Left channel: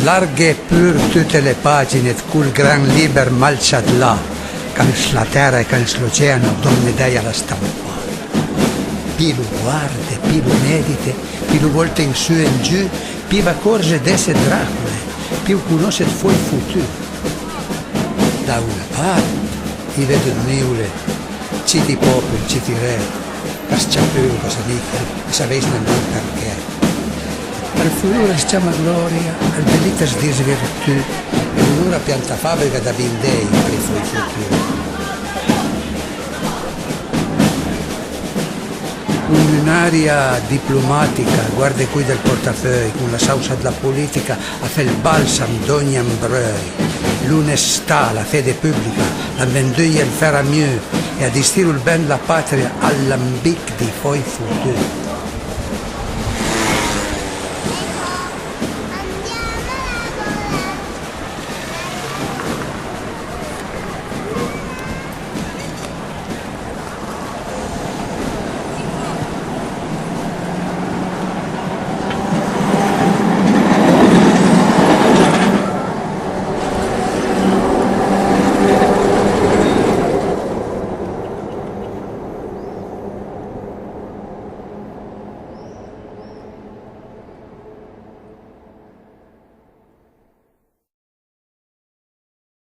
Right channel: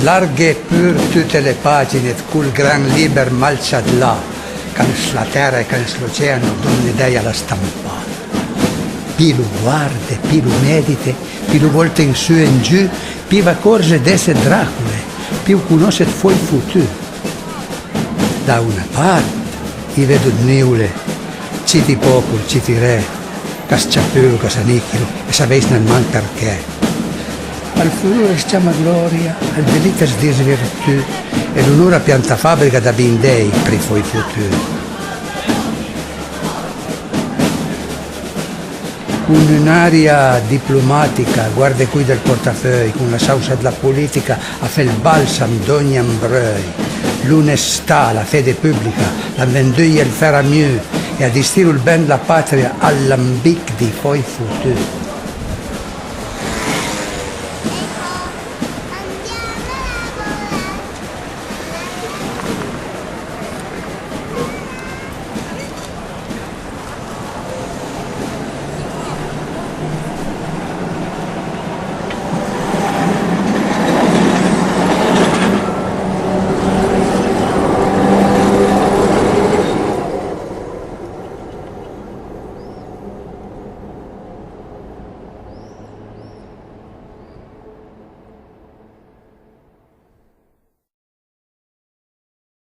slarghe pur tutte le pagine col gran liber malciat là, cans la terra e cans l'oceano donne dei alla stampa. Pi lo guarda, pi lo medite, pi lo volta in su e in giù, pi va corse d'esse Dracule, pi conosce fuori il futuro. Da una parte, i vedo niule, citi popoli, citi re, che sciappero, che s'anichino, e sapessi nemmeno perché. Al futuro si chiama gloria, al delitto si dice virtù, e l'onore a pianta fabbrica da bindei per i suoi futuri. Un'aria diplomatica, guarda qui del portafeuille, con la salsa della politica a fare il balsam d'ogni ambreuil, l'onestà, la fede pubblica, la venduglia il faire mieux e a distire il ben della patria all'ambic di poi futuro.